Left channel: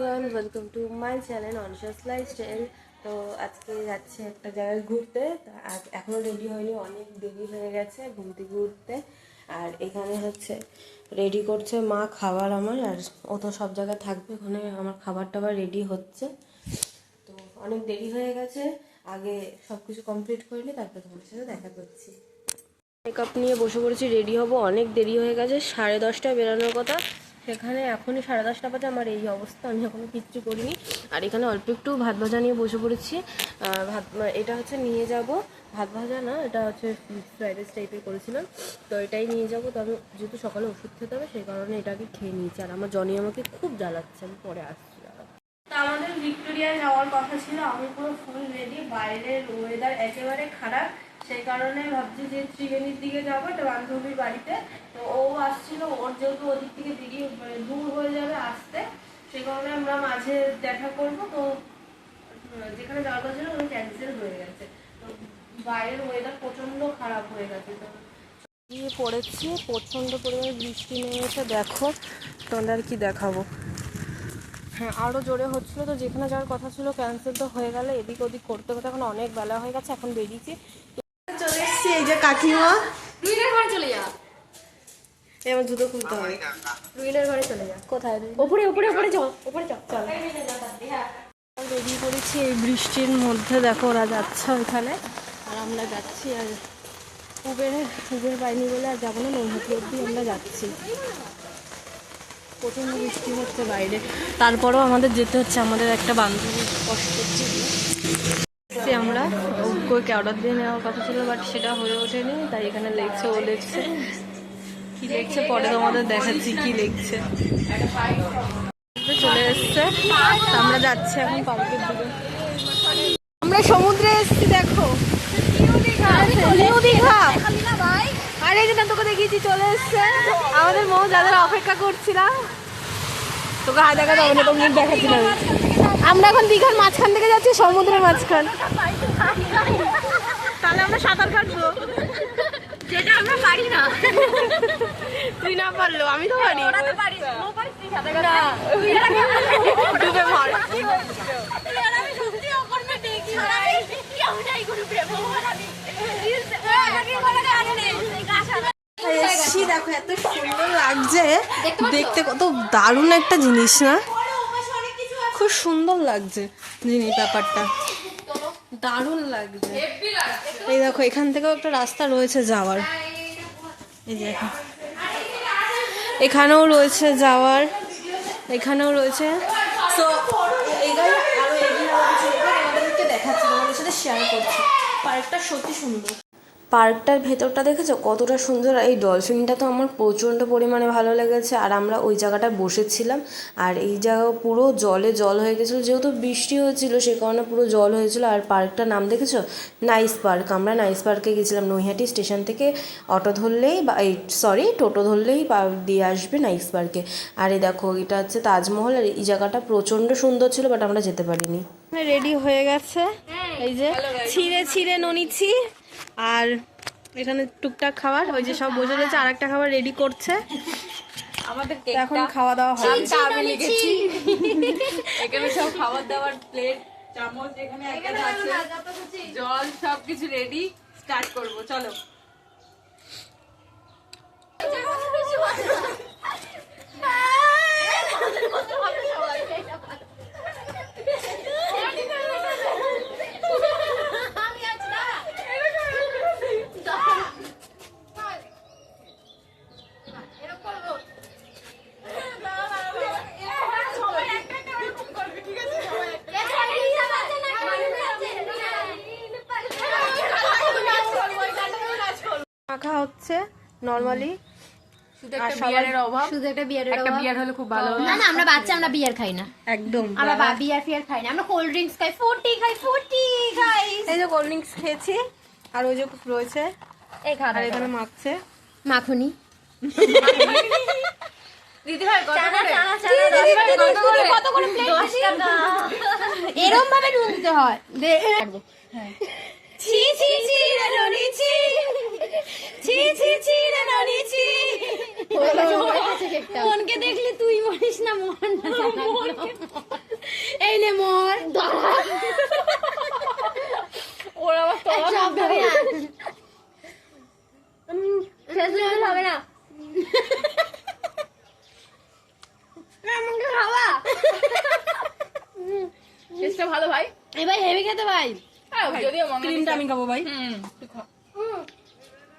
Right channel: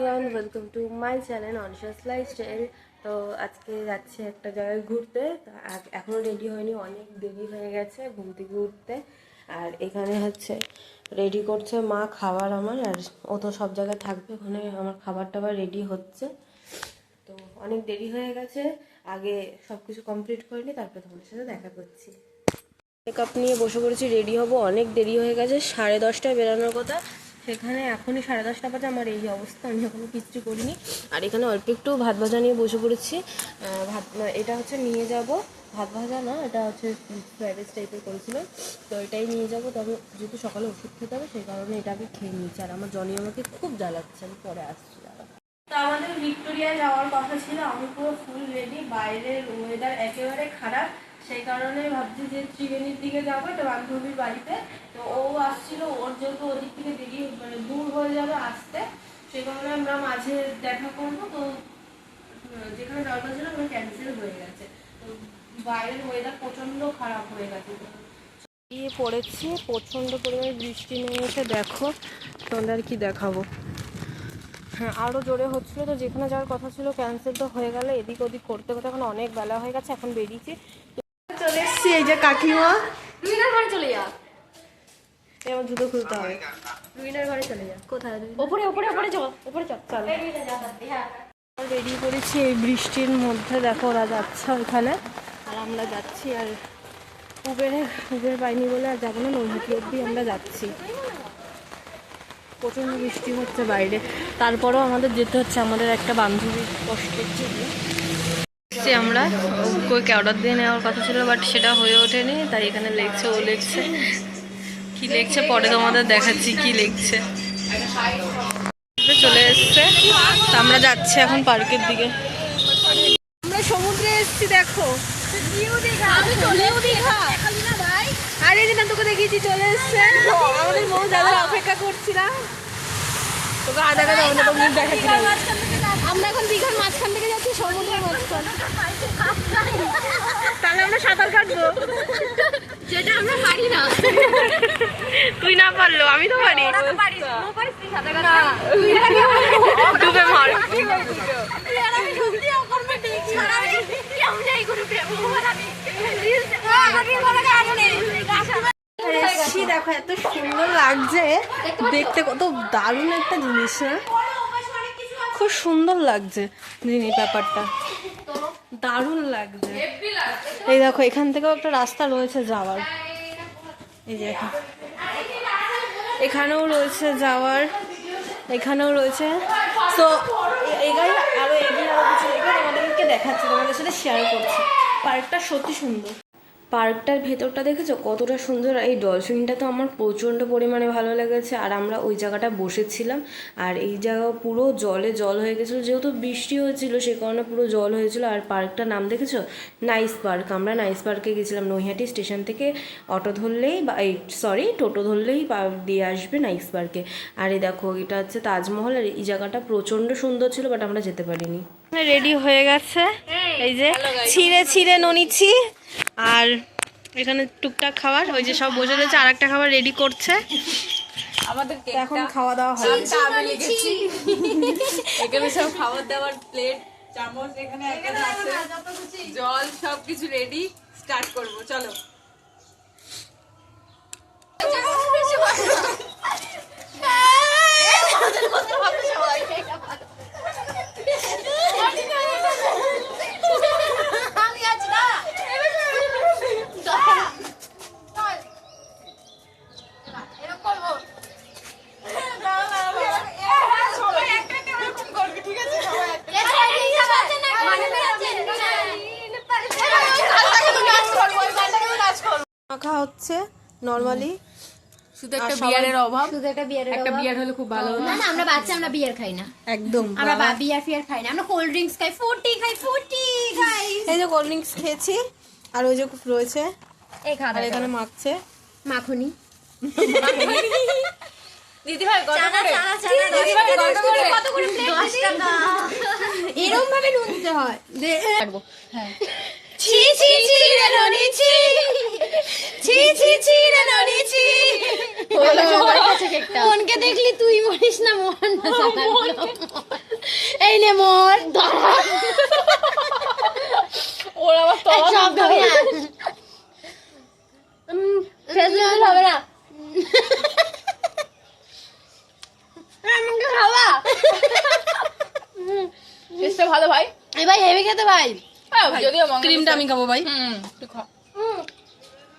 Everyone welcome to my channel অনশাস lifestyle তো আজকে যাচ্ছি একটা জায়গায় ঘুরতে। তো আজ- এখনও রেডি হয়নি, অনেক দেরি হয়ে গেছে ঘুম থেকে উঠতে। আর এখানে হচ্ছে রেডি করছে মা খাবার আমার, আর ও তো সব জায়গায় থাকবে, ওখানে আমার খাবার টাবার রেডি হচ্ছে। তো অনেক দেরি হয়ে গেছে, আগে সব কিছু কমপ্লিট করে নি তারপরে তোমার সাথে দেখা করছি। মেকআপ নিয়ে বসে পড়েছি রেডি হব, অনেক দেরি হয়ে গেছে, সাড়ে দশটায় বেরোনোর কথা। সেখানে এখনই সাড়ে দশটা বাজে আমার এই অবস্থা আমি এখনও কিচ্ছু করিনি। আর এখানে অল্প একটু ভাত ভাজা নিয়ে বসে পড়েছি। ভাত এটা হচ্ছে নিয়ে যাব। ভাত ভাজা না এটা হচ্ছে ফ্রাইড রাইস টাইপের করেছিলাম। তো এটাই নিয়ে যাব তবে যেহেতু সকালে ওষুধ খেতে হবে সেই কারণে এটা আগে খেয়ে নিয়েছি। আর আমার জনি আমাকে খুব জ্বালাচ্ছে আমি পরে আসছি। তো আমাদের ভিক্টোরিয়া যাওয়ার কথা ছিল আমি পুরো ফুল রেডি বাইরের ওয়েদার একেবারে খারাপ। সেই কারণে ভাবছি যে ত্রিবেণীর দিকে যাব একটা বান্ধবীর বাড়িতে। তো ও আসছিল, ওর যেহেতু ওদিক থেকে দেরি মানে দূর হয়ে যাবে আসতে, সেই কারণে আমরা মাঝে দেখা করব। তো যেখানে যাওয়ার কথা ছিল ওখানে ক্যান্সেল হয়ে গেছে। তো বাইরের ওয়েদার প্রচণ্ড খারাপ হয়ে গেছে। তো গিয়ে পড়েছি প্রচণ্ড পরিমাণে বৃষ্টি নেমেছে, দেখো, তোমাদের আর কি দেখাবো। হ্যাঁ আরও জোরে হচ্ছিল, তো যেখানে যাওয়ার কথা ছিল ক্যান্সেল তো হয়ে গেল, এদিক ওদিক করতে করতে এখন অনেক বেলা হয়ে গেছে, এখন বেরিয়েছি। চলে এসেছি এই যে কাকিমা। রুইনার ঘরে চলে যা। এই আমার জুতো খুলতে হবে। রুইনার ঘরে চলে যা। কোথায় ওপরে ওপরে ওপরে যাও ওপরে যাও চল। বেরিয়ে পড়েছি এই বৃষ্টির মধ্যে। দেখো ওরা যাচ্ছে ওইখানে। আর আমরা যাচ্ছি আর উবেরে উবের পাইনি বলে আর যাব না নৈহাটি অব্দি আমরা যাচ্ছি। প্রচণ্ড বৃষ্টি হচ্ছে বাইরে। তারপরেও আমাদের যেতে হচ্ছে আমাদের একটা বান্ধবীর কষ্টের জন্য যে আমরা। ওকে অর্ডার দিয়ে নেওয়ার কথা ছিল বাট সেটা হয়ে ওঠেনি তাই এখানে লিখছে ও লিখছে কি লিখছে পরে তোমাদের দেখাচ্ছি কি লিখছে চলে এসছে তা আমরা যাচ্ছি এখন পার্কের দিকে। আমরা সমুদ্রে এসেছি দেখো। আর এই দিন তোকে দেখিয়েছি চলে এসছে। আমাদের মৌ যাদের অপেক্ষা করছিলাম। তোকে যাবে না তো মুখ দেখাচ্ছি না। আমরা এখন দীঘার মাঝখান থেকে যাচ্ছি সমুদ্রের মাঝখান। তাহলে আমরা সাঁতার কাটবো। যেটা আমরা পারি না। তুই না পারল আমি তো পারি। না। ডুবে মার। দেখো, এত সুন্দর লাগছে। দেখতে কত দারুণ একটা জিনিস, না? খুব সুন্দর লাগছে জিনিস ব্যাপারটা। দারুণ লাগছে। এই দেখো, এখান থেকেও একটা রাস্তা রয়েছে যাওয়ার। এই দেখো। এখানেও রয়েছে যাওয়ার। এখানেও রয়েছে। তো এগাই আরও এগিয়ে আরও কিছু তোমাদেরকে দেখাচ্ছি, তোমাদের সাথে শেয়ার করছি। পার্কটা সত্যি সুন্দর। পার্কটার ভেতরটা দেখেছ? কতটা সুন্দর। এই ডলফিনটা তো আমার প্রচণ্ড পরিমাণে ভালো লেগেছে। আর আমরা ওই জায়গাটা বসেছিলাম। আর এই জায়গা পুরো জলে জল হয়ে গেছিল। যেহেতু বৃষ্টি হয়েছিল, সে কারণে পুরো জল হয়েছিল। আর পার্কটার নাম দেখেছ? Nice park. আমরা নাইস পার্কে গেছিলাম। নৈহাটি স্টেশন থেকে অটো ধরলেই বা এই সরি, টোটো ধরলেই দিয়ে আসবে নাইস পার্কে। আর এই দেখো, এটা হচ্ছে তাজমহল। আর এই জায়গাটা প্রচণ্ড সুন্দর ছিল, বাট আমরা যেতে পারিনি। রেডি হয়ে গেছে। এই যে ছিঁড়ে ছিঁড়ে ননিছি আর এখানে টুকটাক খাবার ওই যে সব বসে রয়েছে আর একটা খাবার রেডি করছে। আমাদের এখন খাওয়া দাওয়া হবে এখানে সব খাবার দাবার প্লেট চামচ এখানে একটা আছে। জল সবকিছু রেডি স্টার্ট করব চলো আমি আছি না এরকম করব সবাই একটা একটা ওরকম করবে ঠিক আছে সবাই হচ্ছে নর্মালি শুধু একটা বিয়ারের অভাব? শুধু একটা বিয়ারের একটা বিয়ার হলে খুব ভালো না না আমরা বাচ্চা আমরা বিয়ার খাই না। একদম। আমরা বিয়ার ফিয়ার খাই না। আমরা কোল্ড ড্রিঙ্কস খাই ফুটি খাই ফুটি খাই। এই যে কোল্ড ড্রিঙ্কস খেয়েছি আর ওই যে রয়েছে এই আর খাবার এখানে মাখছে। মাখনি। দিদি ভাই চানা চানা চানা দশ টাকা। কত করে? দশ টাকা। এরকম ভাবে ঢুকতে হয়। ছি ছি ছি রে ননি ছি। ছি ছি ছি রে ননি ছি। ফোনকে দেখলি তুই মরিস না মোহন না এই নে মোর। ওর আবার তলা সব খাবি না ফেসবুক হবে না। আমাকে খাওয়া। টেস্টটা ভালো ভাই? এ ভাই হেভি খেতে ভাই। হ্যাঁ, যদিও ক্রিমটা আমি খাব ভাই। হুম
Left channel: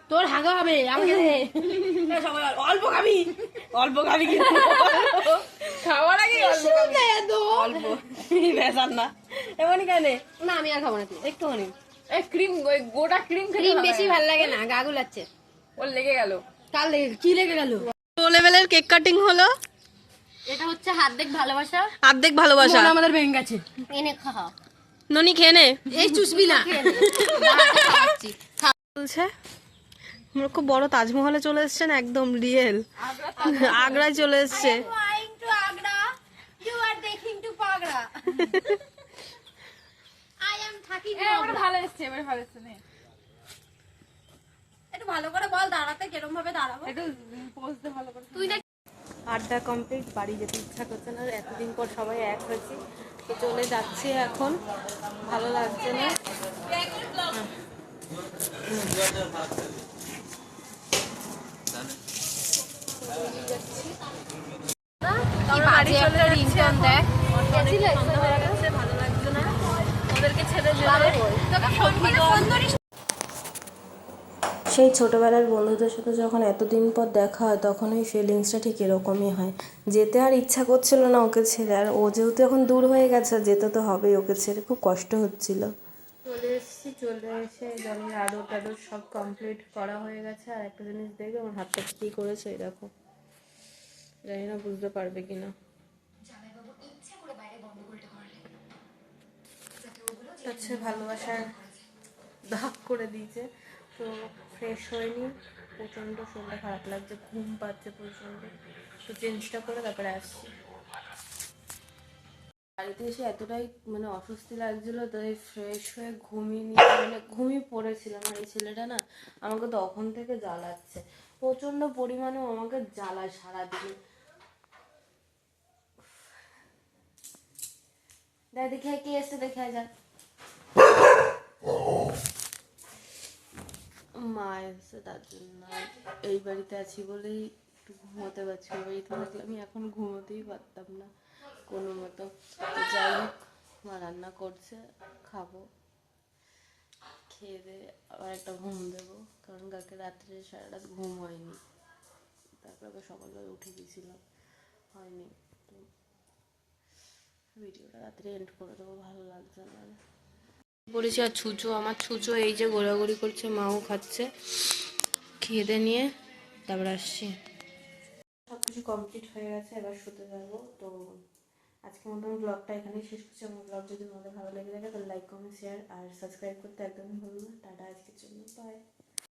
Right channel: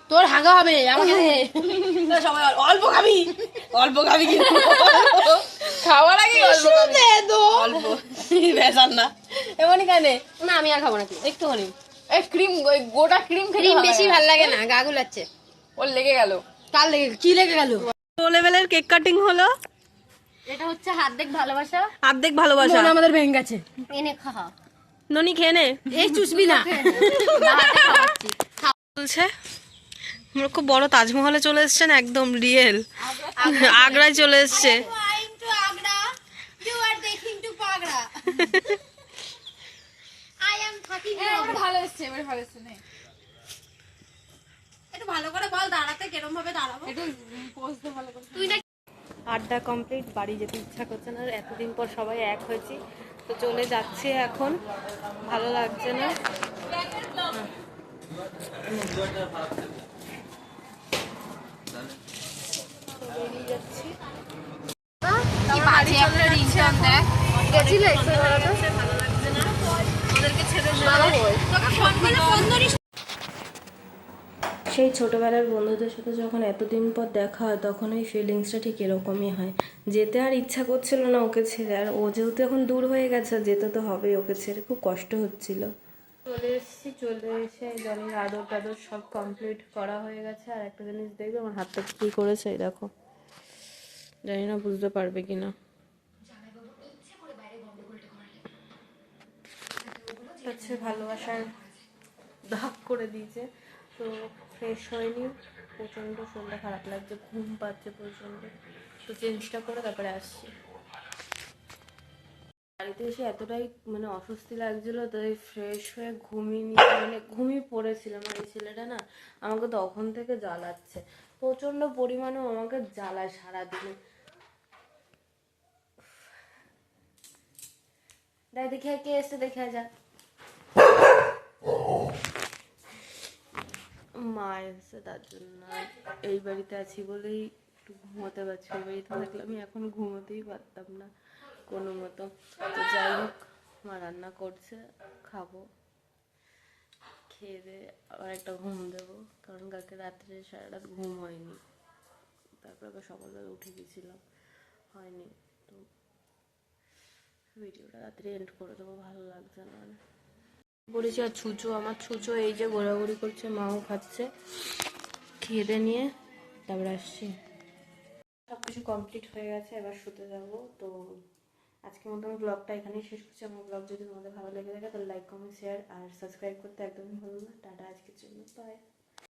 তোর হাগা হবে আমাকে সবাই অল্প খাবি? অল্প খাবি কিন্তু খাওয়ার আগে অল্প অল্প। না। এমনই কানে? না আমি আর খাব না একটুখানি। এই ক্রিম ওই গোটা ক্রিম ক্রিম বেশি ভালো লাগে না গা গুলাচ্ছে। ওর লেগে গেল। কার লেগে কি লেগে গেল? লো লেভেলের কেক কাটিং হলো। এটা হচ্ছে হাত দেখ ভালোবাসা। অর্ধেক ভালোবাসা আমাদের ভেঙে গেছে। এনে খা। ননি খেয়ে নে। এই চুষবি না বলছে আমরা খুব বড় তাজমহলে চলে এসছেন একদম রিয়েল আগ্রায় চলে এসছে। আগ্রা ইউ আর দেখিং টু পাগড়া আই এম থাকিং এবার ভালো এসছে এবার ভালো এসছে নে একটু ভালো করে বল দাঁড়াতে কেরম ভাবে দাঁড়াবো একটু পোজ দে ভালো করে তুই না আড্ডা কমপ্লিট বাড়ি যেতে ইচ্ছা করছে না এতদিন পর সবাই এক হয়েছি। তো চলে যাচ্ছি এখন। ভালো লাগছে না? গেছিলে ভালো লাগছে ওদেরকে ছেড়ে সেই ছোটবেলার বন্ধুদের সাথে যখন এতদিন পর দেখা হয়, তখন ওই ফিলিংসটা ঠিক এরকমই হয়। যেতে আর ইচ্ছা করছিল না ওকে ছেড়ে, আর ও যেহেতু এখন দূর হয়ে গেছে যেতে তো হবেই ওকে ছেড়ে, খুব কষ্ট হচ্ছিল। চলে এসেছি, চলে এসে জলের আদর টাদর সব কমপ্লিট করা হয়ে গেছে, আর একটা জিনিস দেখবে, আমার হাতটা কী করেছে দেখো। জানি না বুঝতে পারবে কি না হচ্ছে ভালোবাসার দাগ করে দিয়েছে। তো ফ্রেশ হয়নি, প্রচণ্ড শরীরটা খারাপ লাগছে, ঘুম পাচ্ছে প্রচণ্ড। তো চেঞ্জটা করে তারপরে আসছি। বাড়িতে এসে এতটাই মানে অস্বস্তি লাগছিল তাই ফ্রেশ হয়ে ঘুমিয়ে নিয়ে মানে ঘুমিয়ে পড়েছিলাম আর এই ছেলেটা না আমাকে তখন থেকে জ্বালাচ্ছে। প্রচণ্ড পরিমাণে আমাকে জ্বালায় সারাদিন। দেখ কে এসে দেখে যা। মা এসে তার জন্য এই বাড়িতে আছি বলেই একটু ঘুমোতে পারছি ওই বাড়িতে থাকলে আমি এখন ঘুমোতেই পারতাম না কোনো মতো। যাই হোক, মা রান্না করছে, খাব। খেয়ে দিয়ে আবার একটা ঘুম দেবো। কারণ কালকে রাত্রে সারা রাত ঘুম হয়নি। তারপর আবার সকালবেলা উঠে গেছিলাম, হয়নি। তো ভিডিওটা রাত্রে এন্ড করে দেবো, ভালো লাগছে না। বলেছি আর ছুঁচো, আমার ছুঁচো এই যে ঘোরাঘুরি করছে, মাও খাচ্ছে। খেয়ে নিয়ে তারপর আসছি। সব কিছু কমপ্লিট হয়ে গেছে, এবার শুতে যাব। তো আজকের আমি ব্লগটা এখানেই শেষ করছি। আমার ব্লগ যদি তোমাদের ভালো লেগে থাকে, তাহলে লাইক কমেন্ট শেয়ার আর সাবস্ক্রাইব করতে একদমই ভুলো না। টাটা আজকের জন্য। বাই